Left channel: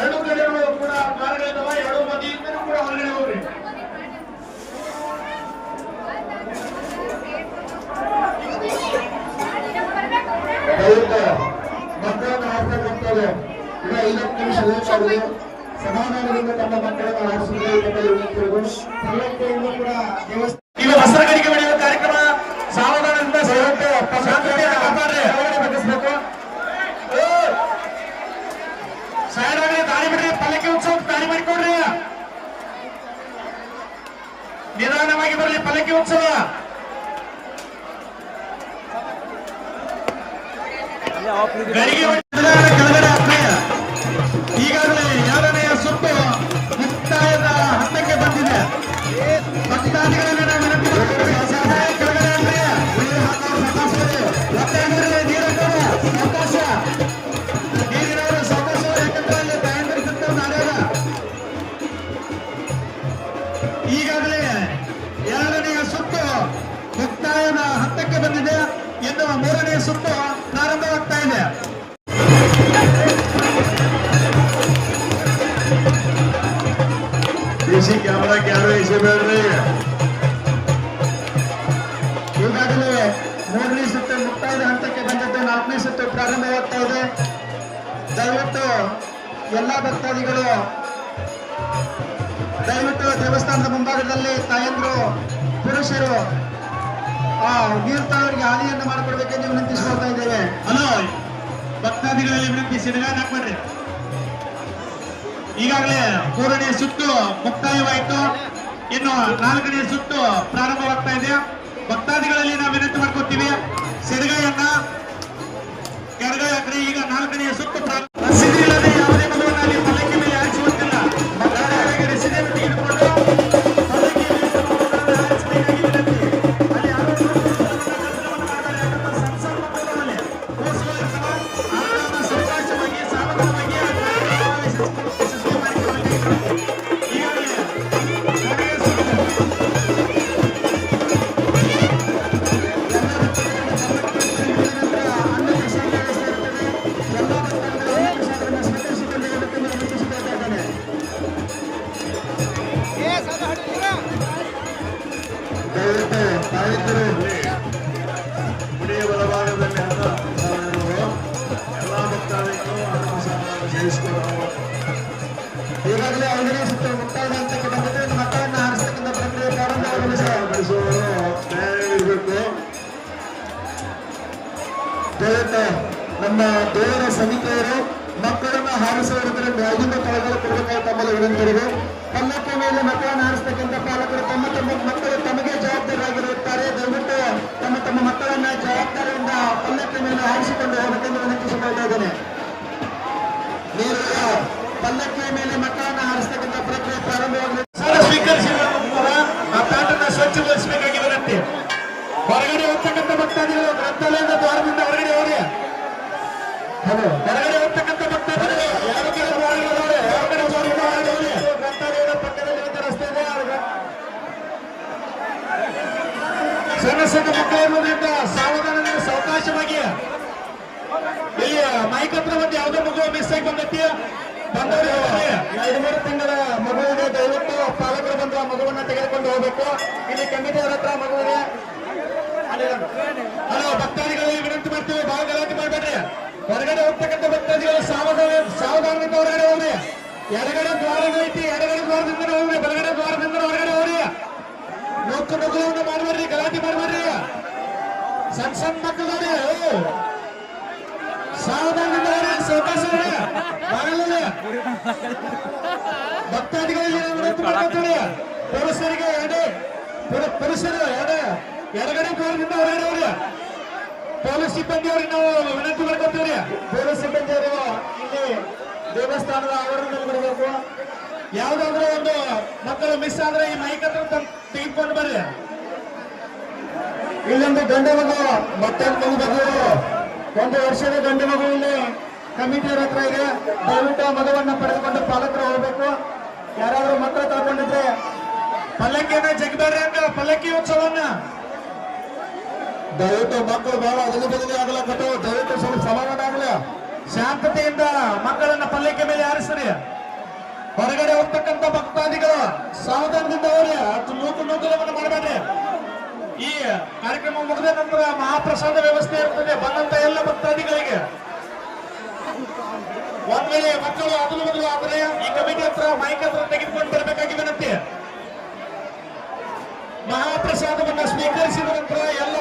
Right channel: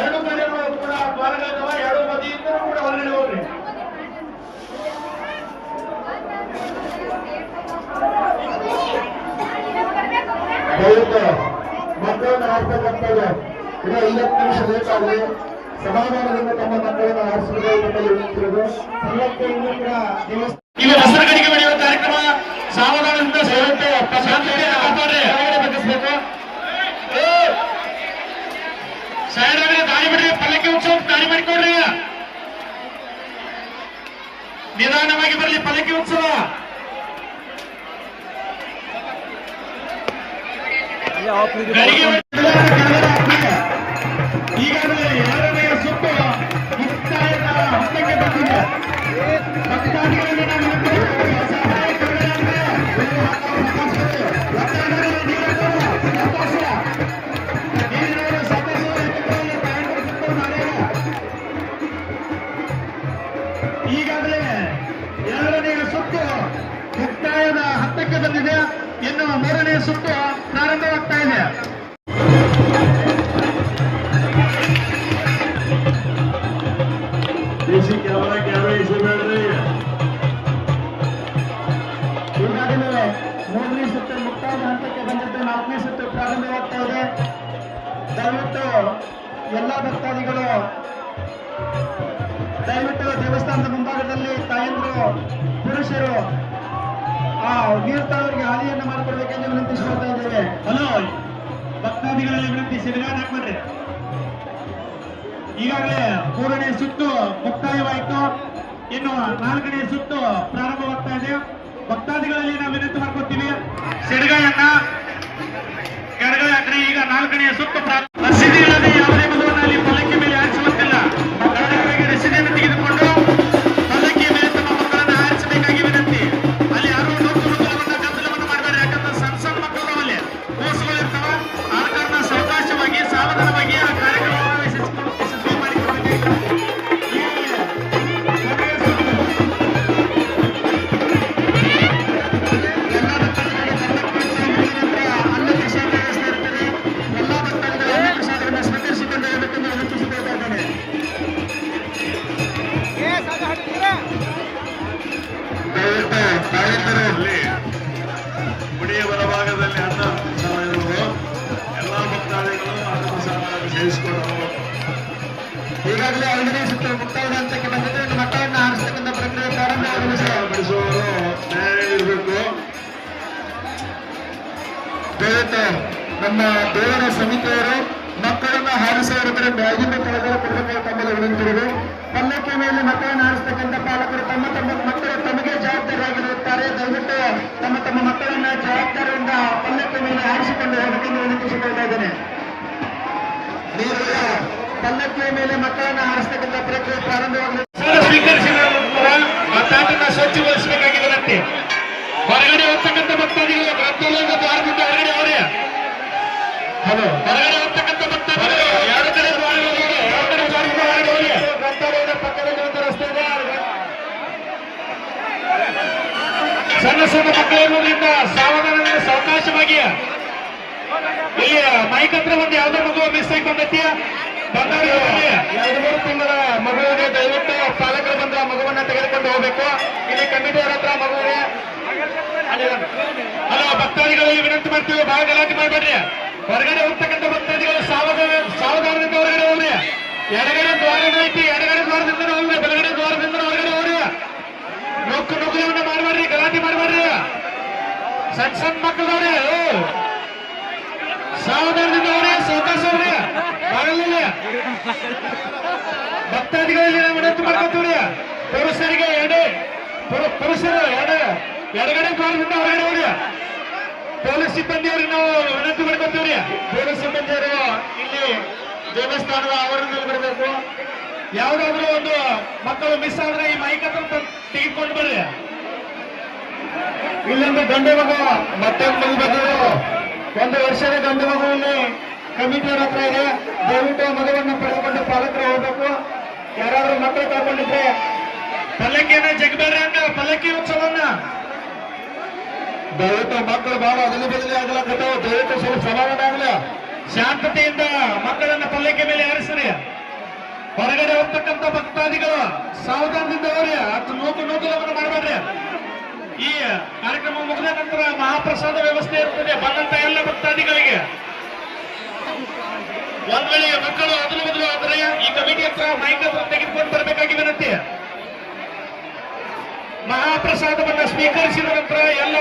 ಎರಡು ಕಡೆಗಳು ಕೂಡ ದ್ವಾರಗಳಿರುವ ಎರಡು ಬದಿಯಿಂದಲೂ ಕೂಡ ಹೊರಗಡೆ ಹೋಗ್ರಿ. ದಯವಿಟ್ಟು ಮಕ್ಕಳನ್ನು ಆಡ್ತಕ್ಕಂಥವ್ರು ಇನ್ನು 50 ನಿಮಿಷ ಲೇಟ್ ಆಗಿದೆ. ಸಮಾಧಾನದಿಂದ ತಮ್ಮ ಮಕ್ಕಳನ್ನು ಆಡಿಸಬೇಕು. ಕೂಡ ಇಲ್ಲಿ ವಸ್ತ್ರಗಾರಿಕೆ ನಡೆಯುವ ಕಾರ್ಯಕ್ರಮ ಸಾವಧಾನದಿಂದ ಬಗ್ಗಿಸಬೇಕು. ಸೈಡ್ ಒಳಗೆ ದಾರಿ ಬಿಡ್ರಿ, ಪಲ್ಲಕ್ಕಿ ಉತ್ಸವ ದಾರಿ ಮಾಡಿಕೊಡ್ರಿ. ನಿಧಾನವಾಗಿ ಬರಲಿ ಪಲ್ಲಕ್ಕಿ ಉತ್ಸವ. ಈಗಾಗಲೇ 2ನೇ ಸುತ್ತು ಮುಕ್ತಾಯದ ಹಂತಕ್ಕೆ ಬಂದಿದೆ. ಭಕ್ತಾದಿಗಳನ್ನು ಈಗಾಗಲೇ 2ನೇ ಸುತ್ತು ಮುಕ್ತಾಯದ ಹಂತಕ್ಕೆ ಬಂದಿದೆ. ಎನ್ನುವ 3ನೇ ಸುತ್ತು ಪ್ರಾರಂಭವಾಗ್ತಾ ಇದೆ. ಈಗಾಗಲೇ 3ನೇ ಸುತ್ತು ಮುಕ್ತಾಯದ ಹಂತಕ್ಕೆ ಬಂದಿದ್ದು, 4ನೇ ಸುತ್ತು ಪ್ರಾರಂಭವಾಗ್ತಾ ಇದೆ. ದಯವಿಟ್ಟು ಎಲ್ಲ ಭಕ್ತಾದಿಗಳು ದೇವಸ್ಥಾನದ ಮುಂಭಾಗದಲ್ಲಿ ತಾಯಂದ್ರು ಪುರುಷರು ನೀರ್ತವರಿಗೆ ಹಾದಿಯನ್ನು ಮಾಡಿಕೊಡ್ಬೇಕೆಂದು ವಿನಂತಿಸಿಕೊಳ್ತಾ ಇದ್ದೇವೆ. ಹಲೋ ಭಕ್ತಾದಿಗಳಲ್ಲಿ ವಿನಂತಿ, ಸಿಡಿಗಾಲ ಹಾಕ್ಬೇಡ್ರಿ. ಈಗಾಗಲೇ 3ನೇ ಸುತ್ತು ಮುಕ್ತಾಯವಾಯಿತು. ಇನ್ನು 4ನೇ ಸುತ್ತು ಪ್ರಾರಂಭವಾಗ್ತಾ ಇದೆ. ಭಕ್ತಾದಿಗಳಲ್ಲಿ ನಾವು ವಿನಂತಿ ಮಾಡ್ಕೊತೀವಿ, ಸಿಡಿಗಾಯನ್ನ ಎಡಗೈ ಹಾಕ್ರಿ. ಈಗ 4ನೇ ಸುತ್ತು ರಸೀದಿಗಳಲ್ಲಿ ಯಾವುದೇ ಮಗುವಿನಲ್ಲಿ ಪಲ್ಲಕ್ಕಿ ಮೇಲೆ ಹಾರಿಸುವಂತಿಲ್ಲ. ರಸೀದಿಯನ್ನು ತೆಗೆದುಕೊಂಡು ಪಲ್ಲಕ್ಕಿಯ ಮೇಲೆ ತಮ್ಮ ಮಕ್ಕಳನ್ನು ಹಾರಿಸಬೇಕಾಗಿ ವಿನಂತಿ. ಅಲ್ಲಿ ಯಾರು ಗದ್ದಲವನ್ನು ಮಾಡಬೇಡಿ. ಯಾಕಂದ್ರೆ ಸಣ್ಣ ಮಕ್ಕಳು ಅಲ್ಲಿ ಕೋರ್ಸ್ಗಳಿರ್ತಾವ. ಅದನ್ನ ಸಾವಕಾಶವಾಗಿ ಸಾವಧಾನವಾಗಿ ಆ ಕಾರ್ಯಕ್ರಮವನ್ನು ಯಶಸ್ವಿ ಮಾಡಿಕೊಳ್ಳಬೇಕು. ಗುಡಿಯ ಬಲಭಾಗದಲ್ಲಿ ಅನ್ನ ಇರುವುದು ಎಲ್ಲ ಭಕ್ತಾದಿಗಳು ಸೇರಿಸಿಕೊಂಡು ಈಗಾಗಲೇ 5ನೇ ಸುತ್ತು ಮುಕ್ತಾಯದ ಹಂತಕ್ಕೆ ಬಂದಿದ್ದು. ಇನ್ನು ಮಕ್ಕಳನ್ನು ಹಾರಿಸತಕ್ಕಂಥ ಪ್ರಕ್ರಿಯೆ ಪ್ರಾರಂಭಗೊಳಿಸುವವರು ಇರಬೇಕು. ದಯವಿಟ್ಟು ನಮ್ಮ ದೇವರ ಸಮಿತಿಯವರು ಮಕ್ಕಳನ್ನು ಹಾರಿಸುವವರ ಕಡೆ ಮ್ಯಾಗಿನ ಕೆಳಗಡೆ ಕೊಡಬೇಕಾಗಿ ತಮ್ಮಲ್ಲಿ ವಿನಂತಿದೆ. ಪಲ್ಲಕ್ಕಿ ಮೇಲೆ ಮಕ್ಕಳನ್ನು ಹಾರಿಸತಕ್ಕಂಥ ಪಾಲಕರು ತಮ್ಮ ಮಕ್ಕಳು ತಮಗೆ ಜವಾಬ್ದಾರಿಯಾಗಿರುತ್ತಾರೆ. ದಯವಿಟ್ಟು ತಮ್ಮ ಮಕ್ಕಳನ್ನ ಜವಾಬ್ದಾರಿಯಿಂದ ಪಲ್ಲಕ್ಕಿ ಮೇಲೆ ಹಾರಿಸಿಕೊಂಡು ಹೋಗಬೇಕೆಂದು ವಿನಂತಿಸಿಕೊಳ್ತಾ ಇದ್ದೇನೆ. ನೀವು ಪಲ್ಲಕ್ಕಿಯ ಮೇಲೆ ಮಕ್ಕಳನ್ನು ಹಾರಿಸತಕ್ಕಂಥ ಪ್ರಕ್ರಿಯೆ ಪ್ರಾರಂಭವಾಗಲಿ. ಸ್ವೀಕರಿಸಿದ ನಂತರ ಆ ತಾಟನ್ನು ಸ್ವಚ್ಛಗೊಳಿಸಬೇಕಾಗಿ ವಿನಂತಿ. ಹೊರಗಡೆ ಹೋಗ್ತಕ್ಕಂಥ ಭಕ್ತಾದಿಗಳು ಗ್ರಂಥಾಲಯದ ದ್ವಾರದಿಂದ ಹೊರಗಡೆ ಹೋಗ್ರಿ. ಹೊರಗಡೆ ಹೋಗ್ತಕ್ಕಂಥ ಭಕ್ತಾದಿಗಳು 2 ಕಡೆ ದ್ವಾರಗಳಿವೆ. 2 ಕಡೆ ದ್ವಾರದಿಂದ ಹೊರಗಡೆ ಹೋಗಿ. ಗ್ರಂಥಾಲಯದ ಪಕ್ಕದಲ್ಲಿರುವಂಥ ರಸ್ತೆ ಇದೆ. ಸಣ್ಣ ಮಕ್ಕಳು ಇರುವುದರಿಂದ ಸಾವಧಾನದಿಂದ ಸಾವಕಾಶವಾಗಿ. ಇಲ್ಲಿ ಮೈಕ್ ಹತ್ರ ಒಂದು ಯಾವುದೋ ಮಗು ಮಿಸ್ ಆಗಿ ಬಂದೈತಿ. 2-3 ತಿಂಗಳ ಮಗುವಿಗೆ ದಯವಿಟ್ಟು ಪಾಲಕರು ಬಂದು ಆ ಮಗುವನ್ನ ತೆಗೆದುಕೊಂಡು ಹೋಗಬೇಕು. ಇಲ್ಲಿ ಕಮಿಟಿಯವರ ಹತ್ರ ಮಗುವಿಗೆ ಹಲೋ ಭಕ್ತಾದಿಗಳಲ್ಲಿ ವಿನಂತಿ ಮಾಡ್ತೀವಿ, ಬಹಳ ಗಲಾಟೆ ಮಾಡಬೇಡ್ರಿ. ಹೊರಗಡೆ ಹೋಗ್ತಕ್ಕಂಥ ಭಕ್ತಾದಿಗಳು ಸಾವಧಾನದಿಂದ ಹೊರಗಡೆ ಹೋಗ್ರಿ. ಎಡಗಡೆ ದ್ವಾರ ಐತಿ, ಎಡಗಡೆ ದ್ವಾರದಿಂದ ಹೋಗ್ರಿ, ಬಲಗಡೆ ದ್ವಾರದಿಂದ ಹೊರಗಡೆ ಹೋಗ್ರಿ. ನುಗ್ಗುವನ್ನ ಮಾಡಬೇಡ್ರಿ, ಗಲಾಟೆ ಮಾಡಬೇಡ್ರಿ. ಸಣ್ಣ ಮಕ್ಕಳವ್ರಿ, ಸಾವಧಾನದಿಂದ ಸಾವಕಾಶ ಬಾಗಲಲ್ಲಿ ಭಕ್ತಾದಿಗಳಲ್ಲಿ ನಾವು ವಿನಂತಿ ಮಾಡ್ಕೊತೀವ್ರಿ. ಪುರುಷರಿಗೆ ಪುರುಷರು ಎಡಗಡೆ ದ್ವಾರದಿಂದ ಹೊರಗಡೆ ಹೋಗ್ರಿ. ಪೊಲೀಸ್ ಸಿಬ್ಬಂದಿಯವ್ರಿಗೆ ನಾವು ವಿನಂತಿ ಮಾಡ್ಕೊತೀವ್ರಿ. ಪೊಲೀಸ್ ಸಿಬ್ಬಂದಿಯವರು ಇಲ್ಲಿ ದೇವಸ್ಥಾನದ ಆವರಣದಲ್ಲಿ ಬಿಡಬೇಕು. ಯಾವ್ದಾದ್ರು ಒಂದು ಮಕ್ಕಳು ಮಿಸ್ ಆದ್ರೆ ಈ ಮೈಕ್ ಹತ್ರ ತೆಗೆದುಕೊಂಡು ಬರ್ರಿ. ಇಲ್ಲೊಂದು ಗಂಡು ಮಗು ಮತ್ತೊಂದು ಮಗು ಬಂದಿರೋ 1 ವರ್ಷದ ಗಂಡು ಮಗು ಇಲ್ಲಿ ಕಮಿಟಿಯವರ ಹತ್ರ ಇದೆ. ದಯವಿಟ್ಟು ಮಗುವನ್ನ ಪಡೆದುಕೊಂಡು ಪಾಲಕರು ಹೋಗ್ಬೇಕು. ಯಾರಾದ್ರೂ ಮಕ್ಕಳು ಕಳ್ಕೊಂಡಿದ್ರೆ ಪಲ್ಲಕ್ಕಿಯನ್ನ ಜಗಬೇಡ್ರಿ ಅಂತ ಪಲ್ಲಕ್ಕಿ ಉತ್ಸವನ್ನ ದಯವಿಟ್ಟು ಮಕ್ಕಳು ಬಹಳ ಅದಲಿ ಬದಲಿ ಆಗಲಕ್ಕತ್ತವ. ದಯವಿಟ್ಟು ಸ್ವಲ್ಪ ಸಮಾಧಾನ ಆಗಲಿ. ಶಾಂತತೆಯಿಂದ ಮಕ್ಕಳನ್ನ ಪಲ್ಲಕ್ಕಿ ಮೇಲೆ ಹಾರಿಸ್ರಿ. ಹೊರಗಡೆ ಹೋಗ್ತಕ್ಕಂಥ ಭಕ್ತಾದಿಗಳು ಸಾವಧಾನದಿಂದ ಹೋಗ್ರಿ. ಅಷ್ಟು ನೂಕುನುಗ್ಗಲವನ್ನು ಮಾಡಬೇಡ್ರಿ. ಈ ಕಾರ್ಯಕ್ರಮ ಮುಗಿದ ನಂತರ ಮಹಾಪ್ರಸಾದ ವ್ಯವಸ್ಥೆ ಇರ್ತದೆ. ಬಂದಂತ ಎಲ್ಲ ಭಕ್ತಾದಿಗಳಿಗೆ ಒಂದ್ ವೇಳೆ ಮಕ್ಕಳು ಅದಲು ಬದಲು ಆದರೆ ಈ ಕಮಿಟಿ ಹತ್ರ ಮೈಕ್ ಹತ್ರ ತೆಗೆದುಕೊಂಡು ಬರಬೇಕಾಗಿ ವಿನಂತಿ. ಮಹಾಪ್ರಸಾದವನ್ನ ಸ್ವೀಕರಿಸಿದ ನಂತರ ಎಲ್ಲ